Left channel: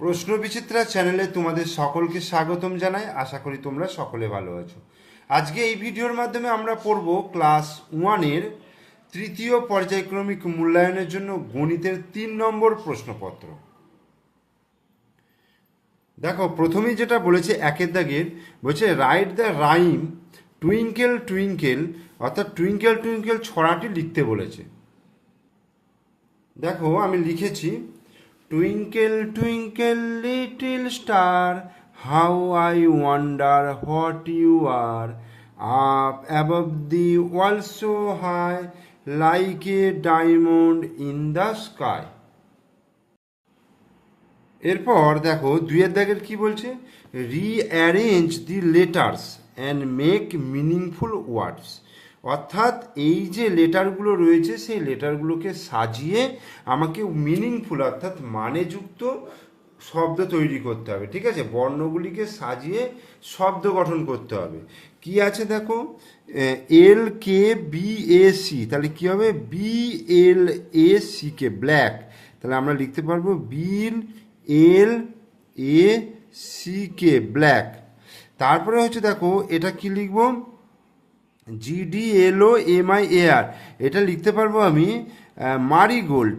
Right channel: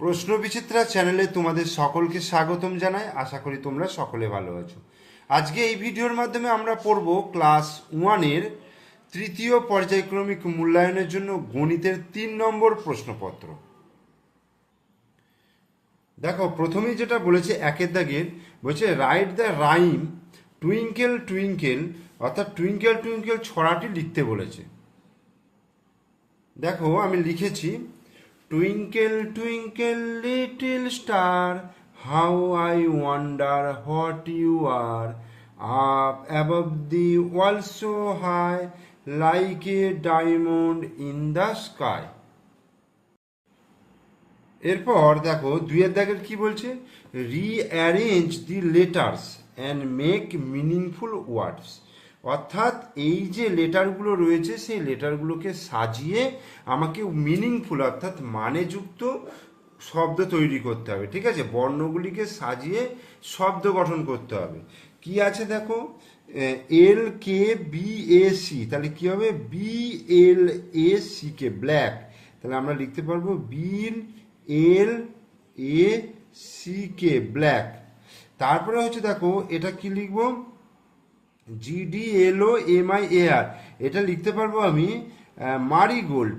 প্রশ্ন বিচিত্রা চ্যানেলে তোমাদের সকলকে স্বাগতম জানাই। আশা করি তোমরা সকলে ভালো আছো। আজকে এই ভিডিওর মাধ্যমে আমরা পড়ব ক্লাস 1-এর তৃতীয় পর্যায়ক্রমিক মূল্যায়নের জন্য গণিতের 3 নম্বর প্রশ্নপত্র। দেখো, প্রথমেই যেটা বলেছে একের দাগের, বলছে write the rhyme twinkle twinkle, অর্থাৎ টুইঙ্কেল টুইঙ্কেল ছড়াটি লিখতে বলেছে। দেখো, আমি লিখেছি, twinkle twinkle little star, how I wonder what you are, up above the world so high, like a diamond in the sky. এরপর দেখো, দুইয়ের দাগের কি বলছে, rearrange the letters and make meaningful words, অর্থাৎ এই যে লেটারগুলো রয়েছে সেই লেটারগুলোকে সাজিয়ে আমাকে মিনিংফুল অর্থাৎ মানেযুক্ত শব্দ তৈরি করতে হবে। ঠিক আছে, বর্ণগুলিকে সাজিয়ে শব্দ গঠন করতে হবে। কি আছে দেখো, এল কে বি এ সি, তাহলে কি হবে, B L A C K, black, তাহলে আমরা লিখতে পারবো বিল এল এ সি কে, ব্ল্যাক। তারপরে হচ্ছে দেখো, এটা কি লিখবো, GDLOMIAR, এটা লিখতে পারবো আমি marigold,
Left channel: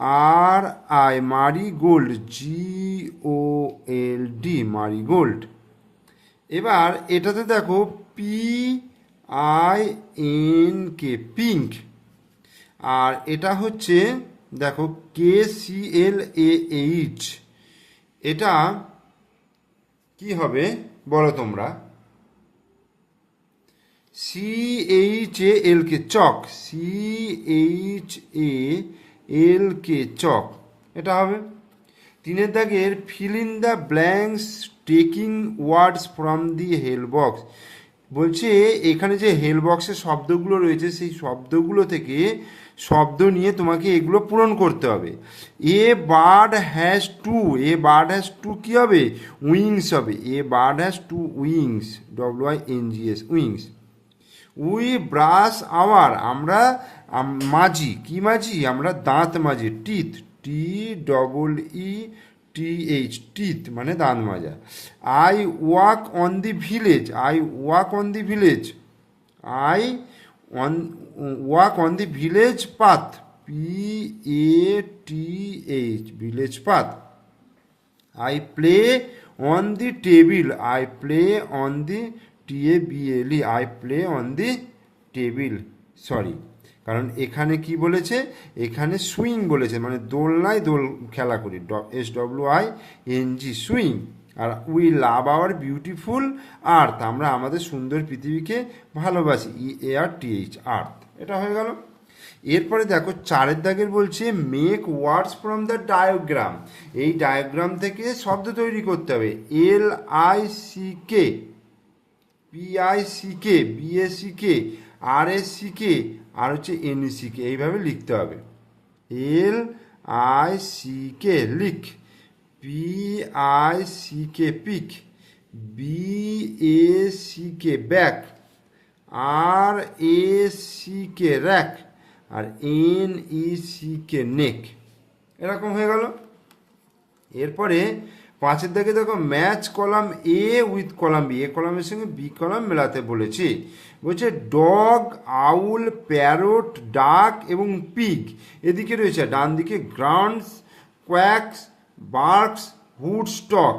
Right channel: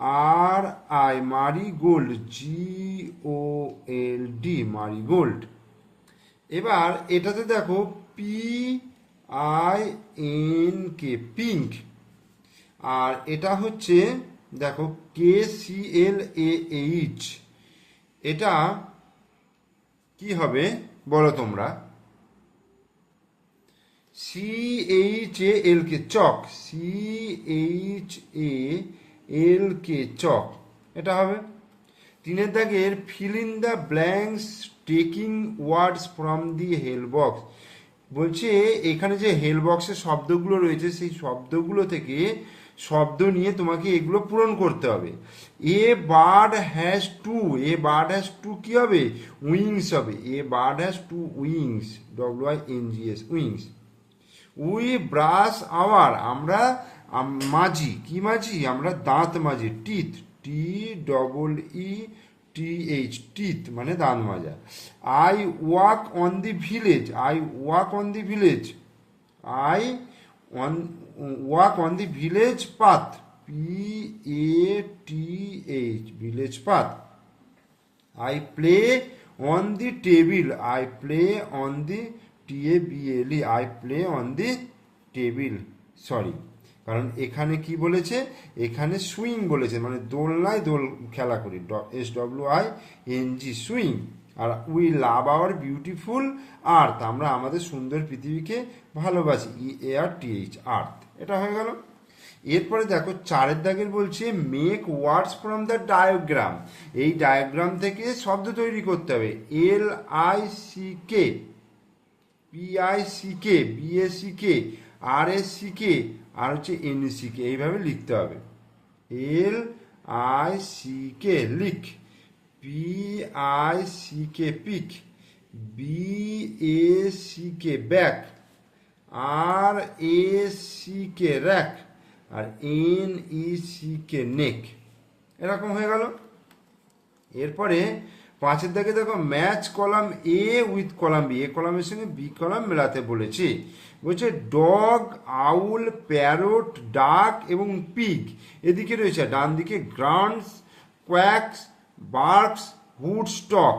MARI, marigold, GOLD, marigold. এবার এটাতে দেখো PINK, পিঙ্ক। আর এটা হচ্ছে দেখো KCLAH, এটা কি হবে বলো তোমরা, CHAL কে, চক, CHAL কে, চক, এটা হবে। তিনের দাগের fill in the blanks taking words from the help box, বলছে এখানে যে হেল বক্সের শব্দগুলো রয়েছে সেই শব্দগুলো থেকে শব্দ নিয়ে তোমাকে এগুলো পূরণ করতে হবে। A bird has to, a bird has to কি হবে, উইংস হবে। A bird has to wings, WINGS, wings. We brush hour, আমরা মাজি, কি মাজি, আমরা দাঁত মাজি, টিথ, TEETH, টিথ মানে দাঁত মাজা। I walk on the village, I walk on the village, I on walk on the village path, PATH, village path. I play on the table, I play on the TABLE, I play on the table, sorry, কারণ এখানে কি বলেছে, এখানে swing বলেছে, মানে দোলনায় দোল খেলা করি, SWING, swing. R we love our beautiful আর্থ, আমরা আমাদের সুন্দর পৃথিবীকে ভালোবাসি, EARTH, আর্থ। এটা হয়ে গেল। এরপরে দেখো, চারের দাগের বলছে make words from the diagram, এই ডায়াগ্রাম থেকে শব্দ তৈরি করতে হবে। LICK, PICK, BACK, RACK, আর হচ্ছে NECK, এইভাবে লিখতে হবে। LICK, lick, PICK, pick, BACK, back, RACK, rack, আর NECK, নেক। এরকম হয়ে গেল। এরপরে পাঁচের দাগে দেখো, match column A with column B, A কলামের সঙ্গে B কলাম মেলাতে বলেছে। বলছে ডগ, আউল, প্যারট, ডাক এবং পিগ এদিকে রয়েছে, ডান দিকে grounds, quacks, barks, hood, stock.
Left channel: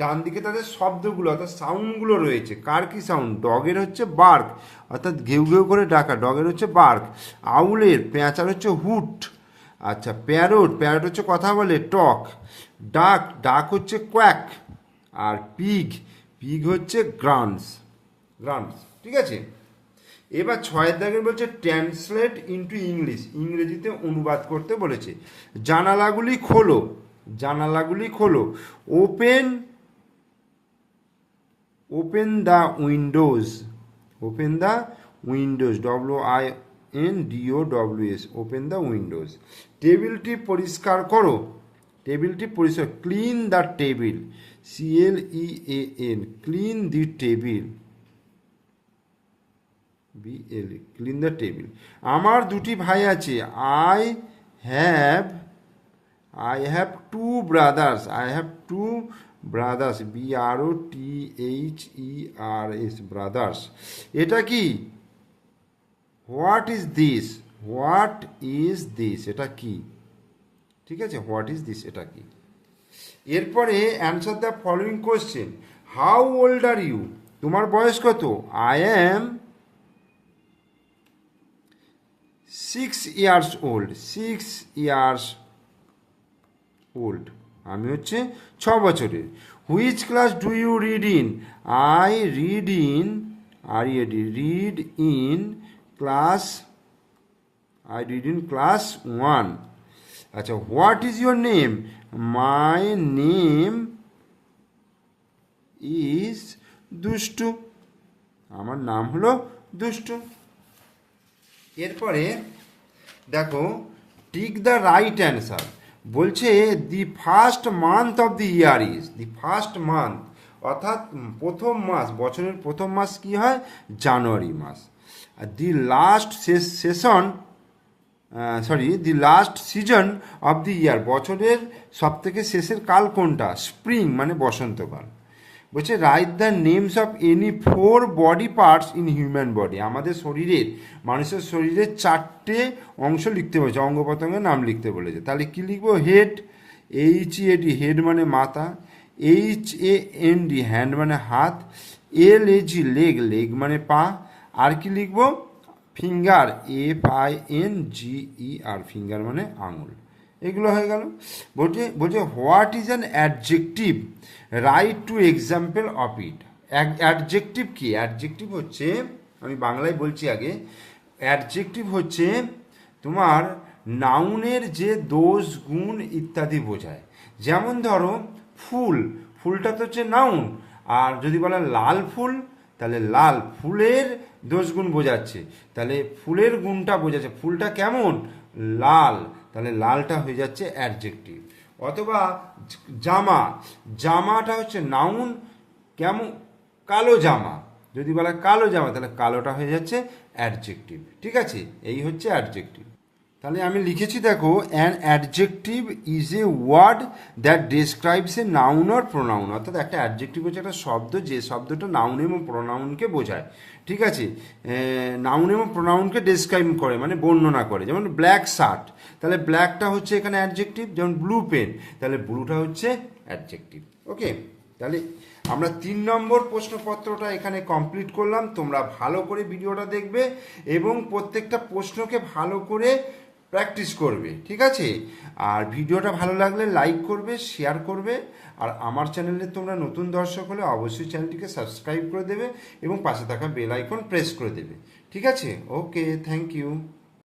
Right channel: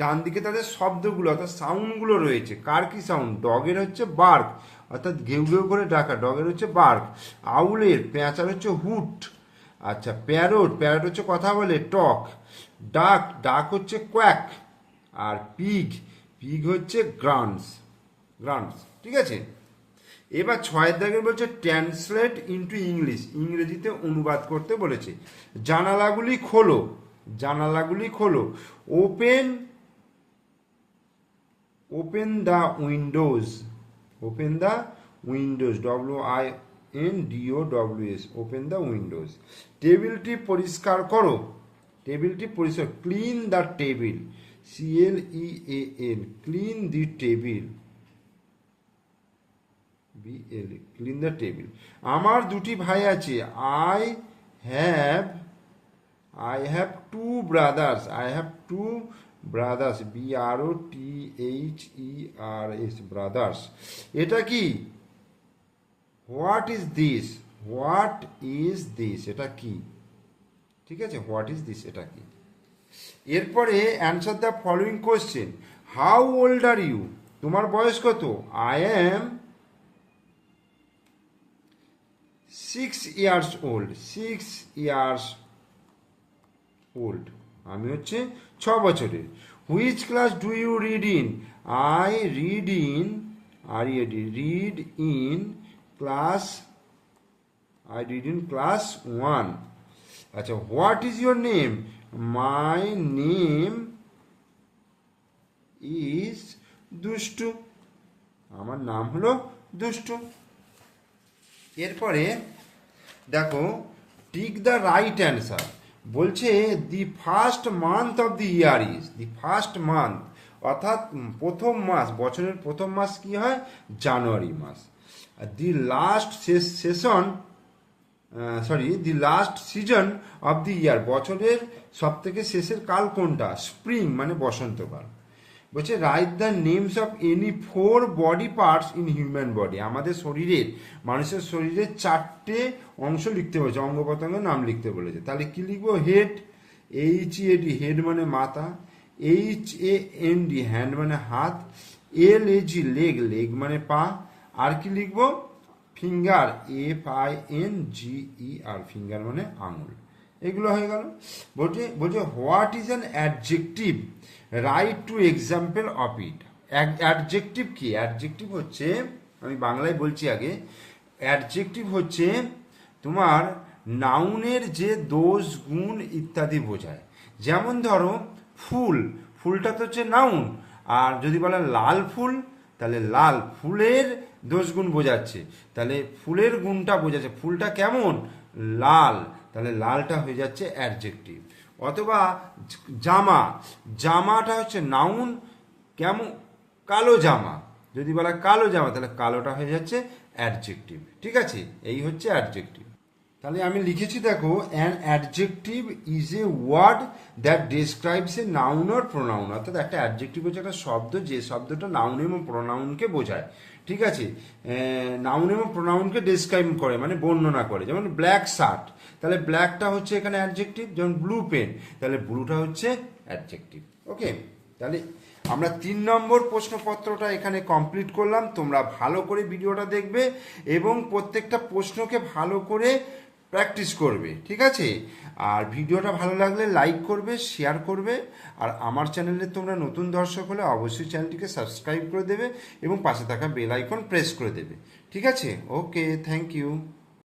ডান দিকে তাদের শব্দগুলো অর্থাৎ সাউন্ডগুলো রয়েছে। কার কি সাউন্ড, ডগের হচ্ছে বার্ক, অর্থাৎ ঘেউ ঘেউ করে ডাকা, ডগের হচ্ছে বার্ক। আউলের, পেঁচার হচ্ছে হুট। আচ্ছা, প্যারট, প্যারট হচ্ছে কথা বলে, টক। ডাক, ডাক হচ্ছে কোয়াক। আর পিগ, পিগ হচ্ছে গ্রান্স, গ্রান্স। ঠিক আছে। এবার ছয়ের দাগের বলছে ট্রান্সলেট ইনটু ইংলিশ, ইংরেজিতে অনুবাদ করতে বলেছে। জানালাগুলি খোলো, জানালাগুলি খোলো। Open, open the Windows, open the Windows, WINDOWS, open the Windows. টেবিলটি পরিষ্কার করো, টেবিলটি পরিষ্কার, clean the table, CLEAN, clean the table, BLE, clean the table. আমার দুটি ভাই আছে, I have I have to brothers, I have to brothers, BROTHERS, brothers. এটা কি? What is this, what is this, এটা কি? ঠিক আছে, হোয়াট ইজ দিস, এটা কি? এরপরে answer the following question. How old are you, তোমার বয়স কত? I am 6 years old, 6 years old, আমি হচ্ছে 6 বছরের। Which class do you read in, I read in, read in class, I read in class 1। আচ্ছা, what is your name, my name is Dushtu, আমার নাম হলো দুষ্টু। এরপরে দেখো, টিক দ্য রাইট অ্যান্সার। বলছে the first month of the year is, the first month অর্থাৎ প্রথম মাস, বছরের প্রথম মাস কি হয়? জানুয়ারি মাস। আর the last session, the last season of the year, বছরের সব থেকে শেষের কাল কোনটা? স্প্রিং মানে বসন্তকাল। বলছে write the names of any 4 body parts in human body, আমাদের শরীরের, মানুষের শরীরের 4টে অংশ লিখতে বলেছে, অঙ্গ প্রত্যঙ্গের নাম লিখতে বলেছে। তাহলে কি লিখবো? হেড, HEAD, হেড মানে মাথা, HAND, হ্যান্ড মানে হাত, LAG, লেগ, লেগ মানে পা, আর কি লিখবো? ফিঙ্গার, FINGER, ফিঙ্গার মানে আঙুল। এগুলো হয়ে গেল। বলছে what is an adjective, right two example of it. Adjective কি? অ্যাডজেক্টিভ হচ্ছে, আমি বাংলায় বলছি আগে, অ্যাডজেক্টিভ হচ্ছে তোমার নাউনের যে দোষ গুণ ইত্যাদি বোঝায়। যেমন ধরো ফুল, ফুলটা তো হচ্ছে নাউন, আর যদি বলেন লাল ফুল, তাহলে লাল, ফুলের দোষ গুণ বোঝাচ্ছে, তাহলে ফুলের গুণটা বোঝাচ্ছে, ফুলটা কেমন? লাল, তাহলে লালটা হয়ে যাচ্ছে অ্যাডজেক্টিভ। অথবা জামা, জামাটা হচ্ছে নাউন, কেমন? কালো জামা, যদি বলা কালো জামা, তাহলে কালোটা হয়ে যাচ্ছে অ্যাডজেক্টিভ। ঠিক আছে, এই হচ্ছে অ্যাডজেক্টিভ। তাহলে আমি লিখেছি দেখো, an adjective is a word that describes a noun or pronoun. অর্থাৎ একটা অ্যাডজেক্টিভ হচ্ছে একটা শব্দ, যে শব্দটা নাউন এবং প্রোনাউনকে বোঝায়। ঠিক আছে, নাউন এবং প্রোনাউনকে ডেসক্রাইব করে মানে বর্ণনা করে। যেমন ব্ল্যাক শার্ট, তাহলে ব্ল্যাকটা হচ্ছে এখানে অ্যাডজেক্টিভ। যেমন ব্লু পেন, তাহলে ব্লুটা হচ্ছে অ্যাডজেক্টিভ। ওকে, তাহলে আমরা 3 নম্বর প্রশ্নপত্রটা এখানে কমপ্লিট করলাম। তোমরা ভালো করে ভিডিওটা দেখবে এবং প্রত্যেকটা প্রশ্নকে ভালো করে প্র্যাকটিস করবে। ঠিক আছে, আর ভিডিওটা ভালো লাগলে লাইক করবে, শেয়ার করবে, আর আমার চ্যানেলে তোমরা নতুন দর্শক হলে অবশ্যই চ্যানেলটিকে সাবস্ক্রাইব করে দেবে এবং পাশে থাকা বেল আইকন প্রেস করে দেবে। ঠিক আছে, ওকে, থ্যাংক ইউ।